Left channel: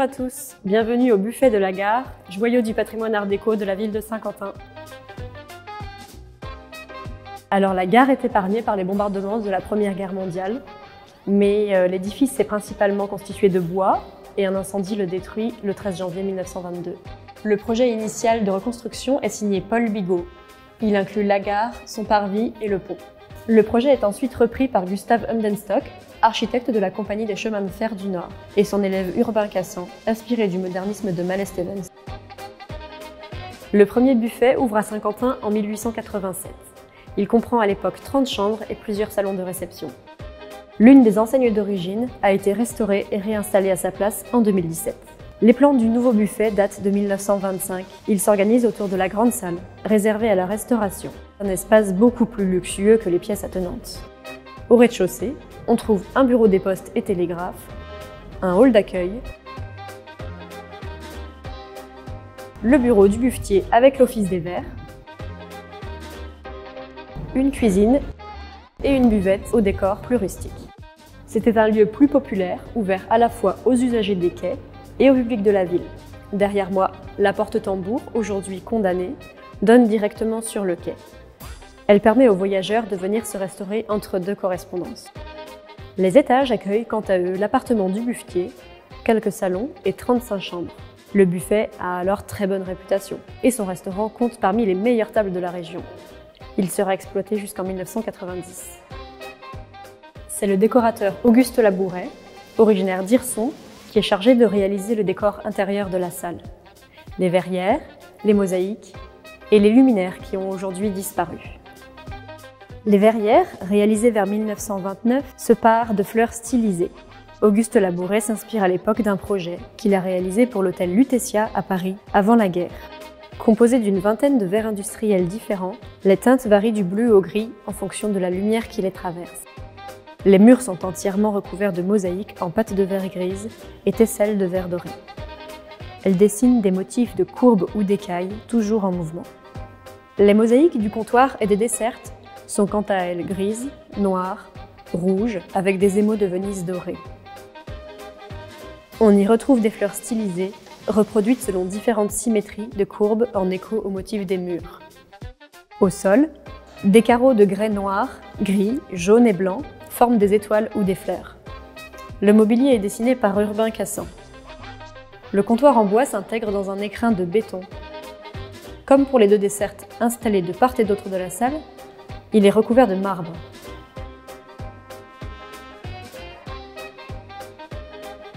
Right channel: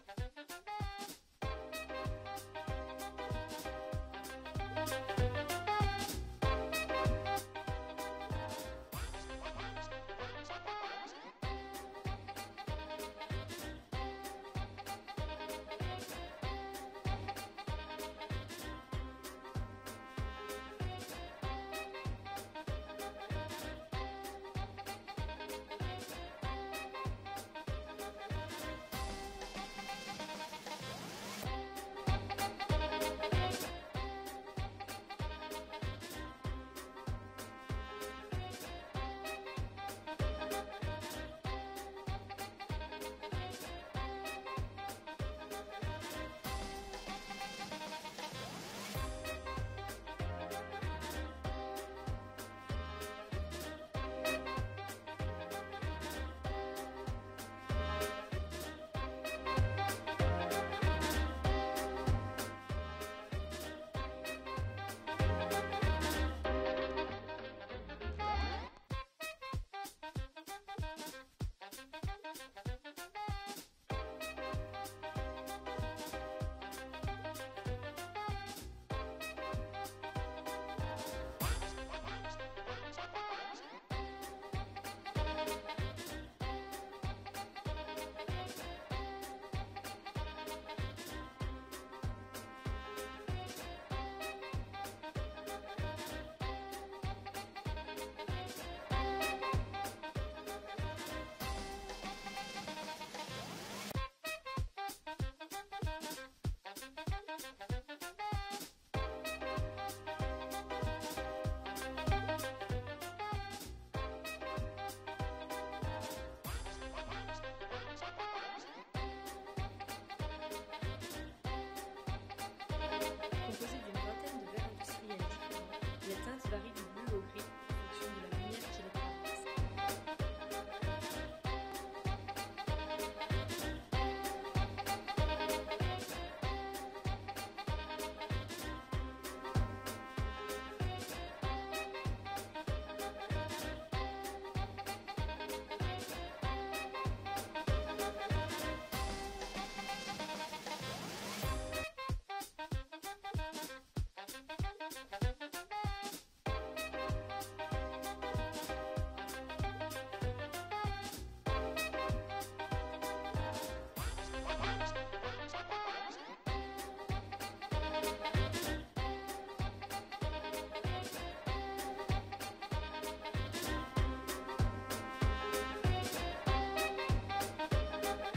Bonjour à tous, bienvenue au buffet de la gare, joyau du patrimoine art déco de la ville de Saint-Quentin. Alors la gare est épargnée par les bombardements de la Première Guerre mondiale, mais l'édifice est principalement constitué de bois et un incendie le détruit le 13 janvier 1922. Le projet initial de reconstruction est signé Paul Bigot. Il inclut la gare, son parvis et le pont. Le projet est ensuite repris par Gustav Hundenstock, architecte de la Compagnie des chemins de fer du Nord, et son élève Urbain Cassan, inspiré du modernisme de Mallet Stevens. Le premier buffet ouvre à Saint-Quentin en 1887. Il comprend à l'époque 30 chambres et plusieurs salons de réception. L'une des enseignes d'origine a été restaurée et réinstallée à sa place en 2017. Les plans du nouveau buffet datent de 1925. Il s'organise autour de la grande salle, réservée à la restauration, un espace beaucoup plus luxueux que les pièces attenantes. Au rez-de-chaussée, on trouve un bureau des postes et télégraphes, un hall d'accueil, le bureau du buffetier avec l'office des verres, une cuisine et une buvette au décor plus rustique. C'était un lieu plus populaire, ouvert à la fois aux usagers des quais et au public de la ville. Derrière moi, la porte tambour, aujourd'hui condamnée, donne directement sur le quai. Elle permet aux voyageurs de venir se restaurer entre deux correspondances. Les étages accueillent quant à eux l'appartement du buffetier, quelques salons et 35 chambres. Le buffet a alors très bonne réputation et son restaurant compte parmi les meilleures tables de la région. Il sera exploité jusqu'en 1990. C'est le décorateur Auguste Labouret, originaire d'Hirson, qui est chargé de réaliser le décor intérieur de la salle. Les verrières, les mosaïques et les luminaires qui ont aujourd'hui disparu. Les verrières, réalisées vers 1929, se parent de fleurs stylisées. Auguste Labouret s'inspire à l'époque d'un projet qu'il a réalisé pour l'hôtel Lutetia à Paris, avant la guerre. Composé d'une vingtaine de verres industriels différents, les teintes varient du bleu au gris en fonction de la lumière qui les traverse. Les murs sont entièrement recouverts de mosaïques en pâte de verre grise et tesselles de verre doré. Elles dessinent des motifs de courbes ou d'écailles, toujours en mouvement. Les mosaïques du comptoir et des dessertes sont quant à elles grises, noires, rouges, avec des émaux de Venise dorés. On y retrouve des fleurs stylisées, reproduites selon différentes symétries de courbes en écho au motif des murs. Au sol, des carreaux de grès noir, gris, jaune et blanc forment des étoiles ou des fleurs. Le mobilier est dessiné par Urbain Cassan. Le comptoir en bois s'intègre dans un écrin de béton. Comme pour les deux dessertes installées de part et d'autre de la salle, il est recouvert de marbre.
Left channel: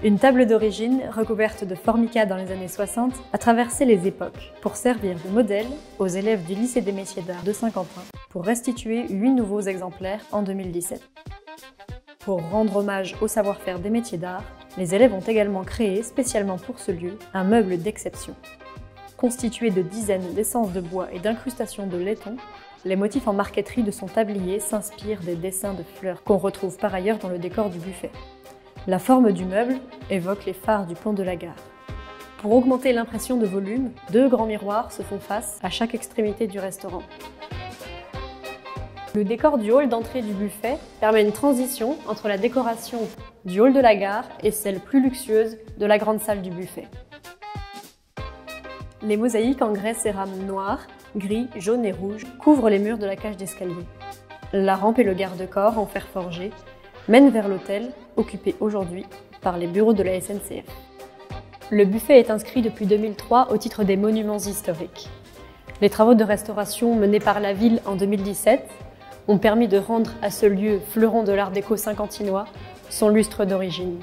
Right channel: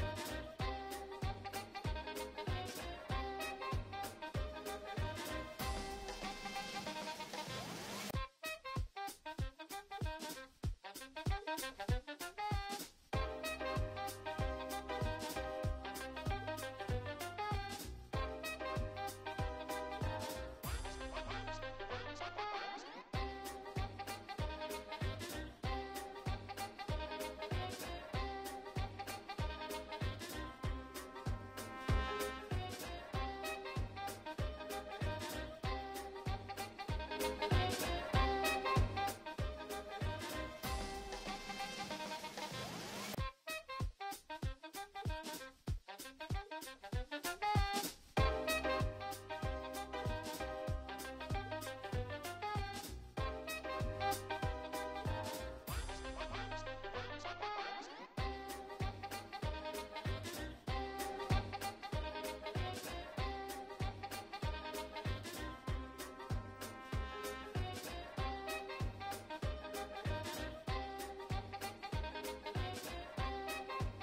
Une table d'origine, recouverte de formica dans les années 60, a traversé les époques pour servir de modèle aux élèves du lycée des métiers d'art de Saint-Quentin pour restituer 8 nouveaux exemplaires en 2017. Pour rendre hommage au savoir-faire des métiers d'art, les élèves ont également créé, spécialement pour ce lieu, un meuble d'exception. Constitué de dizaines d'essences de bois et d'incrustations de laiton, les motifs en marqueterie de son tablier s'inspirent des dessins de fleurs qu'on retrouve par ailleurs dans le décor du buffet. La forme du meuble évoque les phares du pont de la gare. Pour augmenter l'impression de volume, 2 grands miroirs se font face à chaque extrémité du restaurant. Le décor du hall d'entrée du buffet permet une transition entre la décoration du hall de la gare et celle plus luxueuse de la grande salle du buffet. Les mosaïques en grès cérame noir, gris, jaune et rouge couvrent les murs de la cage d'escalier. La rampe et le garde-corps en fer forgé mènent vers l'hôtel, occupé aujourd'hui par les bureaux de la SNCF. Le buffet est inscrit depuis 2003 au titre des monuments historiques. Les travaux de restauration menés par la ville en 2017 ont permis de rendre à ce lieu fleuron de l'art déco saint-quentinois son lustre d'origine.